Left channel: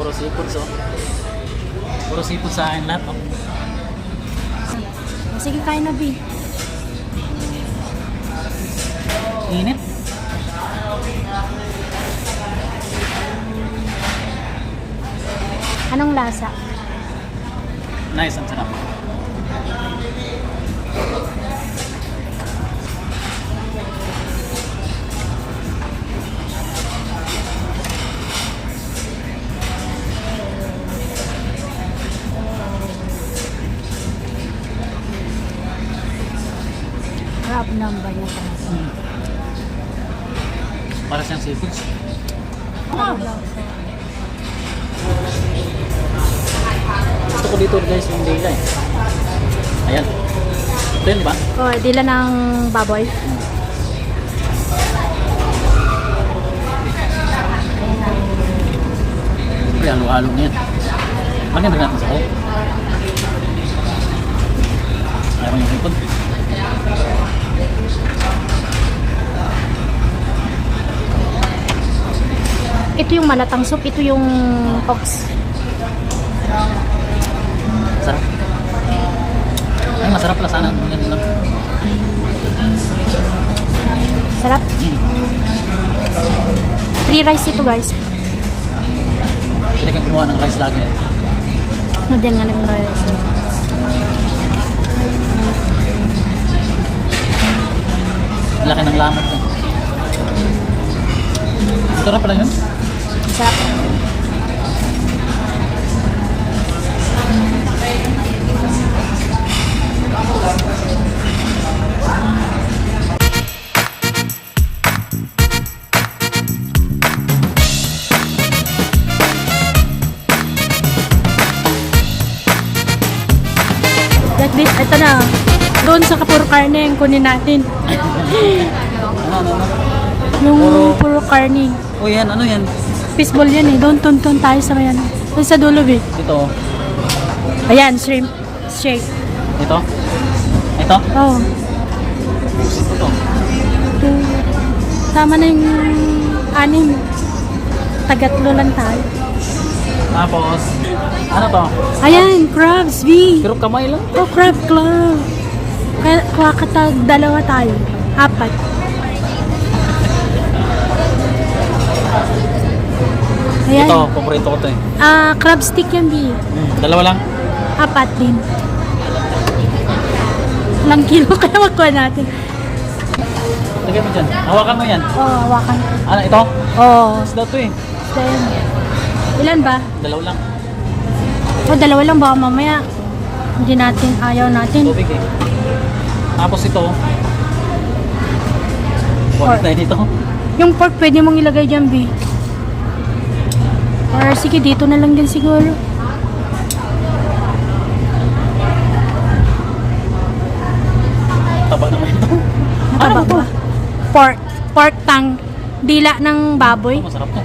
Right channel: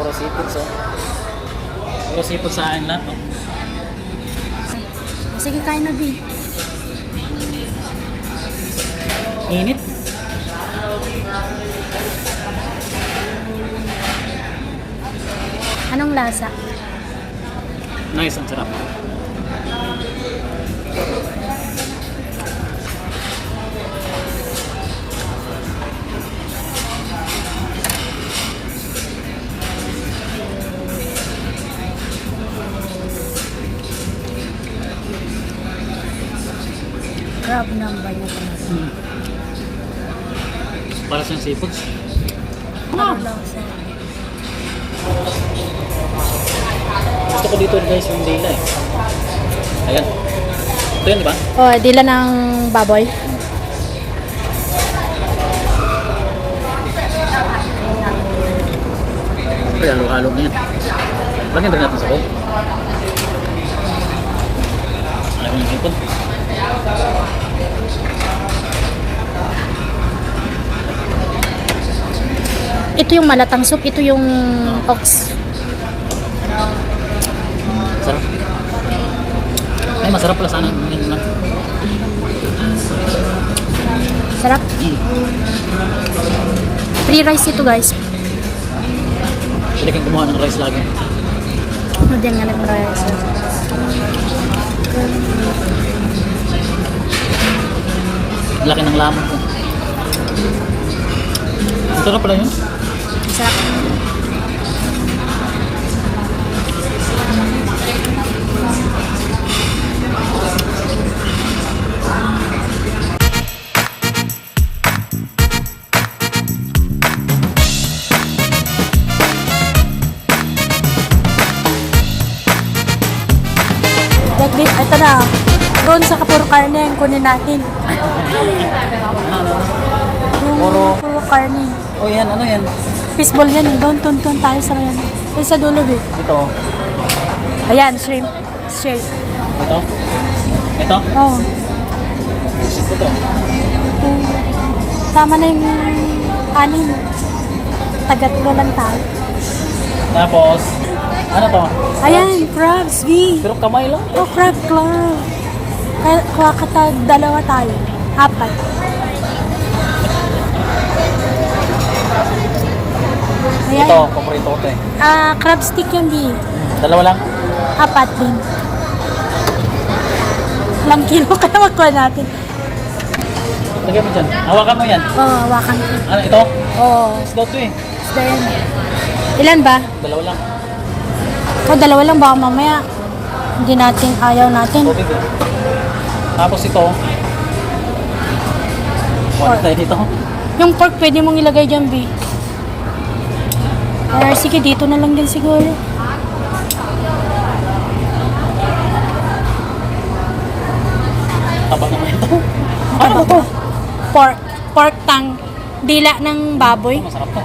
Puro seafood so. Puro seafood sa akin lahat. Oh. Sige, kain na, B. Init. Anong lasa? Nice, ang sarap. Crab number niya talaga. Para siyang seafoods. Ano lasa? Gusto ko dito guys yung dila eh. Ayan. Ito yun, di ba? Oh, dila ng baboy. Ayan, halo-halo na yan. Lagyan rin natin sa ko. Ayaw yung seafood. Ito yung malatang soup, ito yung ox. Sarap. Ay, masarap pala sana. Yan lang. Sarap. Free rice ito, guys. Pwede kang gumawa ng rice lagi. Diyan nga ng rice. Laki ng lamon ko. Sarap pala yun. Sarap. Ito na. Doon sa kapuro karne ang kunin natin. Ano? Yung puro karne. O yan, ano yan? Fishball yan eh. Doon tuntun tayo sa yan. Doon sa dulo eh. Ito. Ayan, shrimp. Shake. Ito. Ito. Oh. Gusto ko to. Tama na yung anim. Tagatlo lang tayo. Tapos, ano to? Ayan, crabs, B. Pero kamay lang. Oh, crab claw. Kuha ka dalawa tayo. Apat. Ayan. Ito, paborito ko to eh. Crab stick yan, B. Dalawa lang. Apat din. Ilang kilo kaya magkuha natin. Lagyan mo dyan. Hawakan mo yan. Oh, hawakan ko. Ano, ito? Oh, Isda to eh. then, ilan ba? Dalawa lang. Oh, dalawa lang. Baka mamaya hindi natin, ayaw natin. Tubig eh. Tapos ito. Wala tayo dito. Yung pork pwede mong ilagay dyan, B. Or sige, dito na lang din siguro. Taba naman ito. Mataba to. Pork. Pork tang. Dila ng baboy. Masarap to.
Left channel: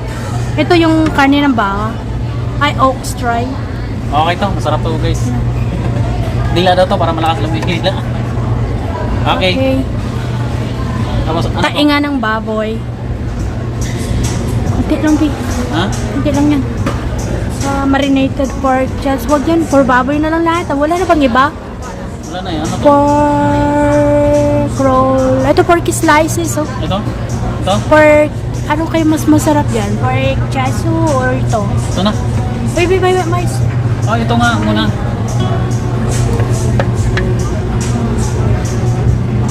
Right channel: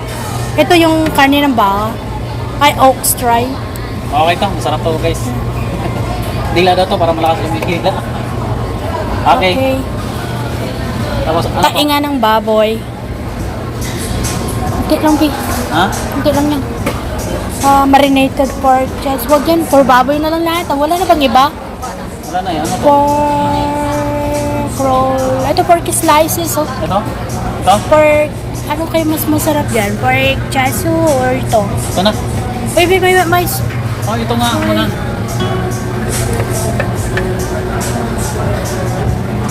Ito yung karne ng baka. Ay, ox try. Okay to. Masarap to guys. Dila daw to para malakas yung dila. Okay. Tapos ano to? Tainga ng baboy. Hindi lang, B. Ha? Hindi lang yan. Marinated pork chest. Huwag yan. For baboy na lang lahat. Wala na bang iba? Wala na yan. Ano to? Pork roll. Ito pork slices. Oh. Ito? Ito? Pork. Ano kayo mas masarap yan? Pork chasu or ito? Ito na. Wait, mais. Oh, ito nga muna.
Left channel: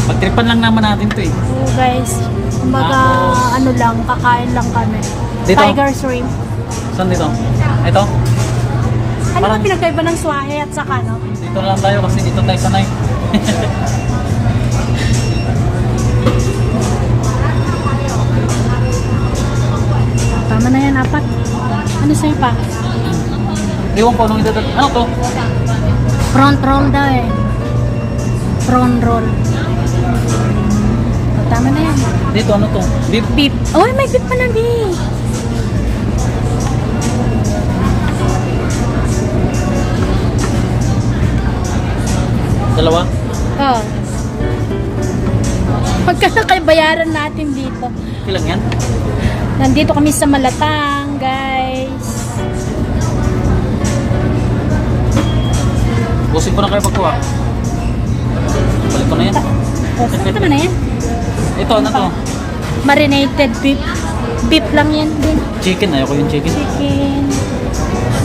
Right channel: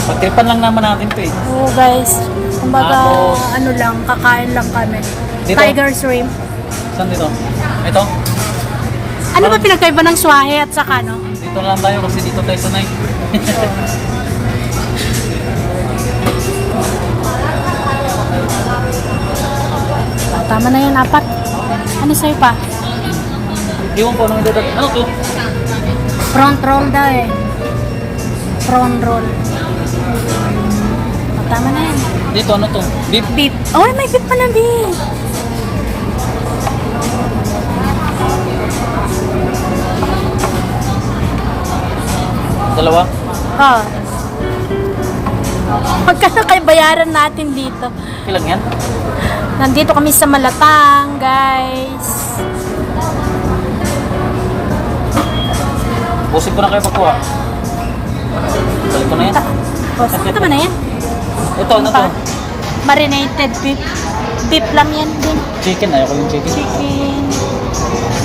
Pagtripan lang naman natin to eh. Oo, guys. Kumbaga, ano lang, kakain lang kami. Dito? Tiger shrimp. Saan dito? Ito? Ano ba pinagkaiba ng swahe at saka ano? Dito na lang tayo kasi dito tayo sanay. Tama na yan, apat. Ano sa'yo pa? Iwan ko nung idadal. Ano to? Front roll daw eh. Front roll. Tama na yan. Dito ano to? Beef? Beef. Oh, may beef pa na beef. Dalawa? Oh. Magkano kayo bayaran natin dito? Ilan yan? Nandito kami sa Malatang, guys. Busin ko na kayo pagkuha. Balik ko na yan. O, saan naman na yan? Ito, ano to? Marinated beef. Beef lang yan din. Chicken, ayoko yung chicken.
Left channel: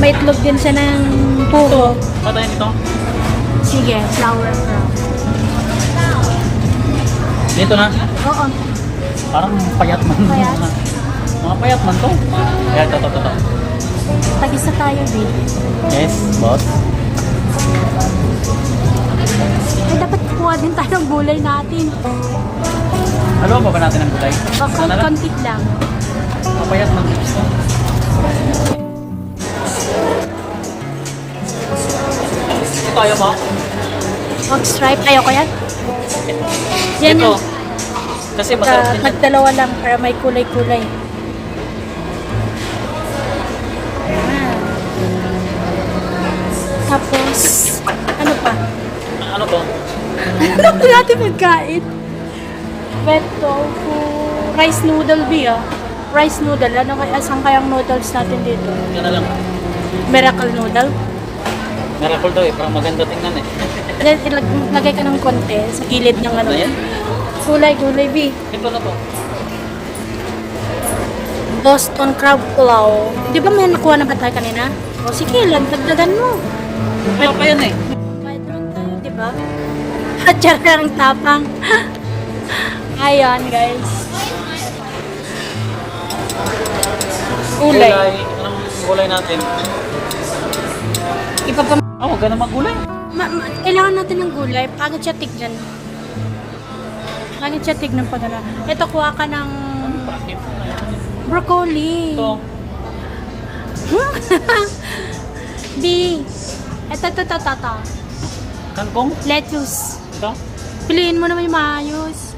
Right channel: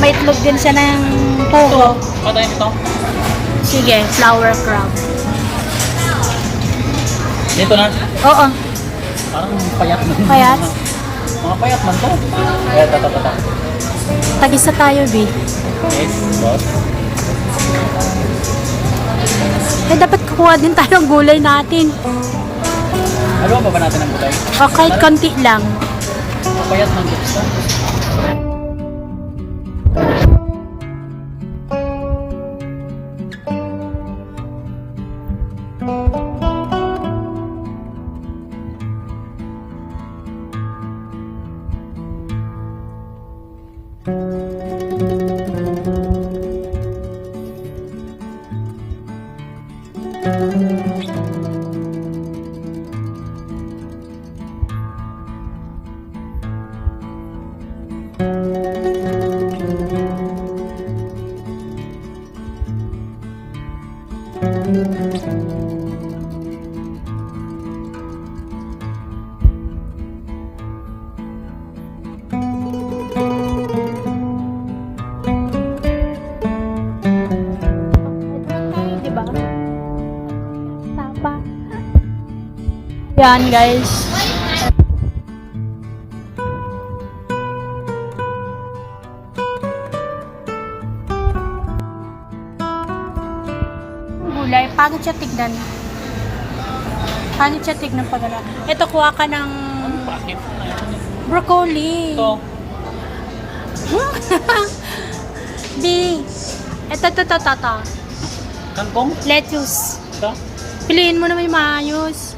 May itlog din siya ng Ito, pugo. patayin ito. Sige, flour crown. Dito na. Oo. Parang payat man. Payat? Mga payat man to. Ayan, tata. Tagisa tayo, B. Yes, boss. Eh, dapat kuha din tayo ng gulay natin. Ano ba natin ang gulay? Okay, konti lang. Payat man gusto. Ito ayaw mo? Mag stripe. Ayoko yan. Yan Ito. yan. Kasi masarap din. Magdalawa lang para may kulay-kulay. Tapos, ano pa? Ano to? Ano ba natin magkain? Wet tofu. Rice noodle, B, ah. Rice noodle. Ano kaya? Saan kayang noodles natin dito? Yan na lang. Miracle noodle. Miracle to eh. Parang maganda tingnan eh. Then, lagay ka ng konti sa gilid ng ano. Ayan. Gulay, B. Ito na to. Boston crab pulao. Di ba may nakuha na ba tayo kanina? O sige, lagdagan mo. Meron pa yan eh. Kahit naman tayo, di ba? At tsaka ang tapang. Ayan, guys. Gulay. Anong gulay natin? Ipapam... Huwag ka na maggulay. Kailangan natin ng gulay. Pangit siya tignan. Pangit siya tignan pag ano. Ito, kuha ka ng Bakit? broccoli. Ito. B. Ito. Kangkong? Lettuce. Ito. Piliin mo na may maayos.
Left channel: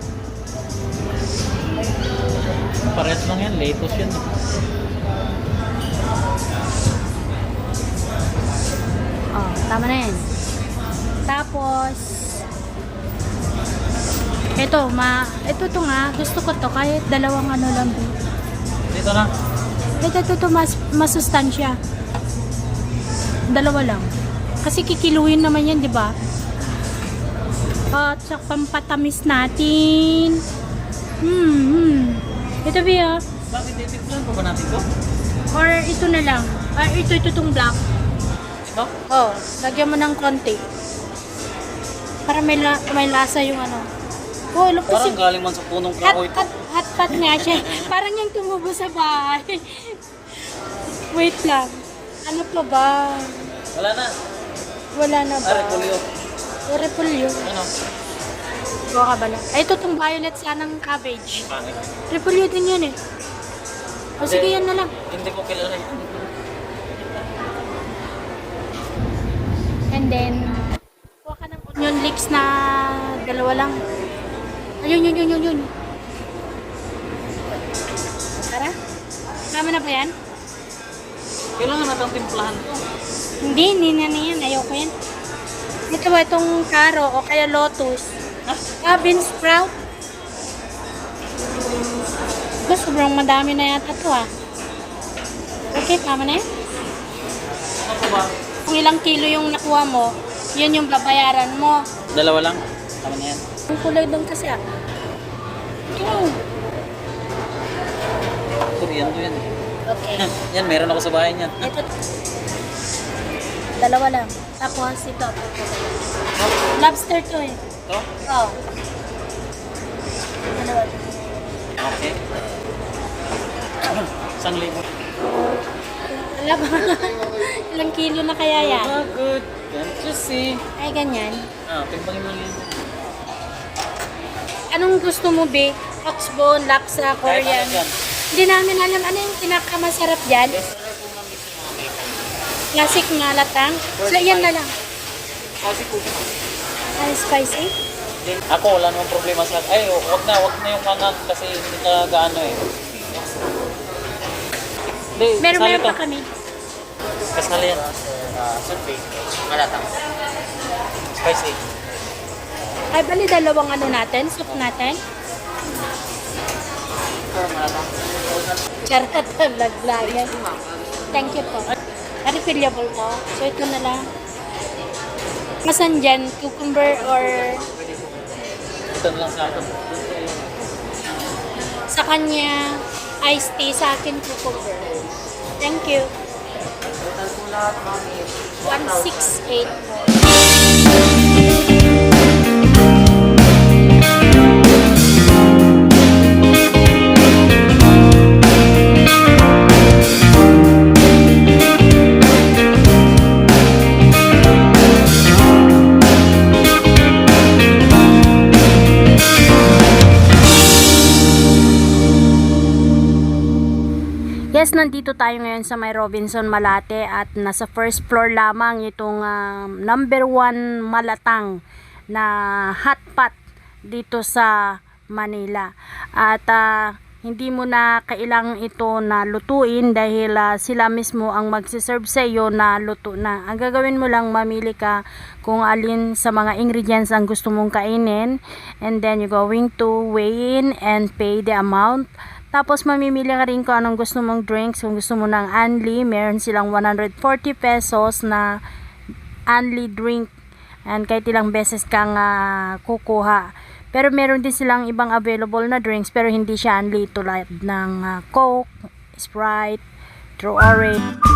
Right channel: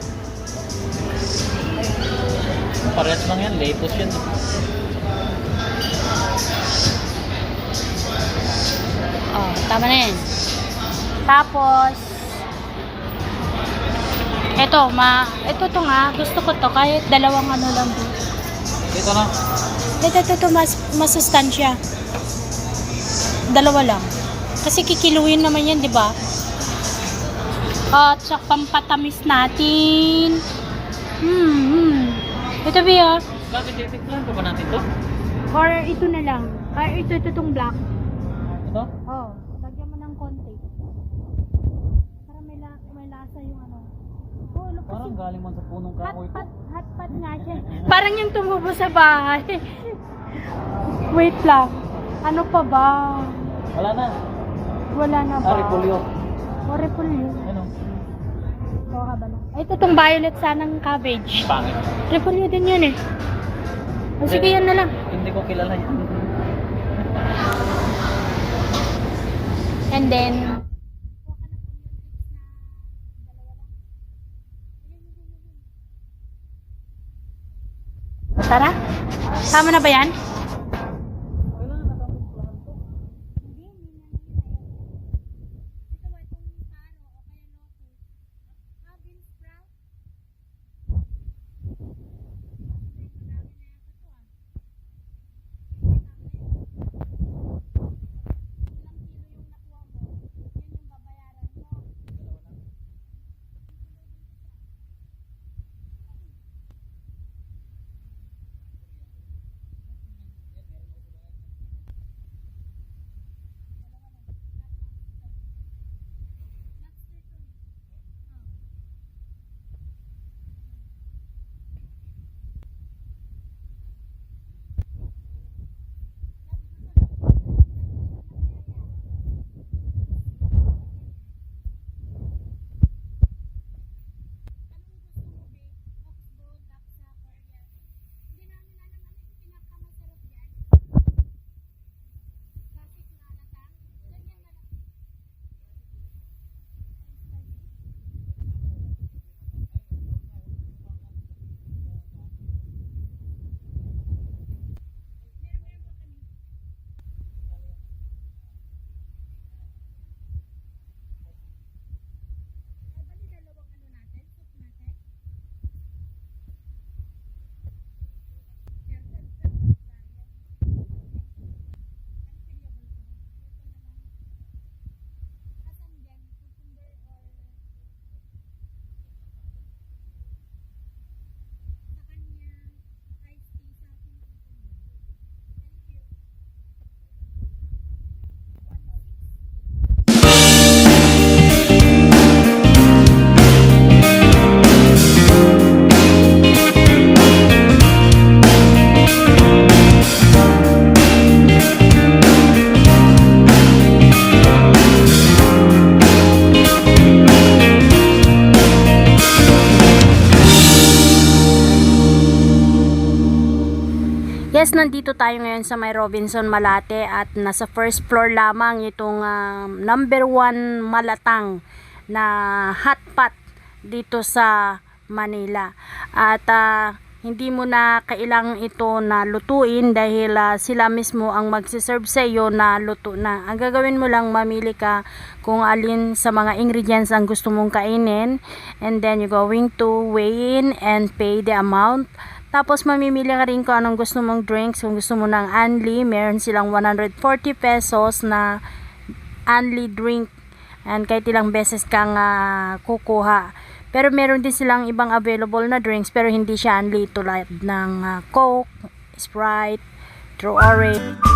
Parehas lang yan. Lettuce yan. Oh, tama na yan. Tapos, ito to nga, gusto ko to, kahit dalawang ano lang din. Dito na. Ito, masustansya. Dalawa lang. Kasi kikiluin naman yan, di ba? At sa pampatamis natin. Ito ba? Bakit titiklan pa ba natin to? Or ito na lang. Or ito itong black. Ito? Oh, lagyan mo ng konti. Para may lasa yung ano. Oh, look kasi Parang galing man sa punong kahoy ito. hot pot nga siya. Parang yung tumubo sa bahay. Wait lang. Ano pa ba? Wala na. Wala na ba? Repolyo. O, repolyo. Ano? Kuha ka ba lang? Ay, ito tong violet sanang cabbage. Pangit. Repolyo din yan eh. O sige, yan na lang. Hindi ko kilala yun. And then, kuha ka ng onion leeks na dalawa lang. Ayun. Tara. Tama na ba yan? Kailangan natin timplahan to. Hindi na yan. Ayoko yan. Ito ba itong karo o kaya lotus? Bean sprout. Sobrang madami na yata to ah. Okay, tama na yan. Ano ba? Kung ilang kilo yung nakuha mo, yun yung babayaran mo. Dalawa lang. Tama na yan. Ang kulay doon kasi ah. Korean to yan. Okay. Yan, meron ako sa bahay niyan. Ito. Dalawa lang. Tapos ito. Lobster to eh. Ito? Oh. Dalawa. Okay. 1,000. Alam ba? Ilang kilo na kaya yan? Ah, good. Can't you see? Ay, ganyan. Timbangin mo yan. Anong gusto mo, be? Oxbone, laksa, Kahit ano Korean. dyan. Hindi namin alam ano yung pinakamasarap dyan. Classic na latang. So, yan na lang. Kasi po. Ay, spicy. Ako, wala namang problema sa... Ay, wag na yung kangan kasi hindi ka gaano eh. Hindi, Meron kasali to. pa kami. Kasali yan. Sunday. Malatang. Spicy. Ay, bali dalawang ano natin, soup natin. Malatang. Charot na vlog-vlogan. Thank you po. Refillable to. So, ito na lang. Masan dyan? Cucumber or Ito na lang sa akin. sa kanya iced tea, sa akin cucumber. Thank you. 168. Yes, nandito tayo ngayon sa may Robinson Malate at nasa first floor lamang itong number 1 malatang na hotpot dito sa Manila. At hindi mo na kailangang ito na lutuin dahil sila mismo ang magsiserve sa iyo na luto na. Ang gagawin mo lang, mamili ka kung alin sa mga ingredients ang gusto mong kainin, and then you're going to weigh in and pay the amount. Tapos mamimili ka rin kung anong gusto mong drinks. Kung gusto mo ng Anli, meron silang 140 pesos na Anli drink. And kahit ilang beses kang kukuha. Pero meron din silang ibang available na drinks, pero hindi siya Anli, tulad ng Coke, Sprite, True Orange.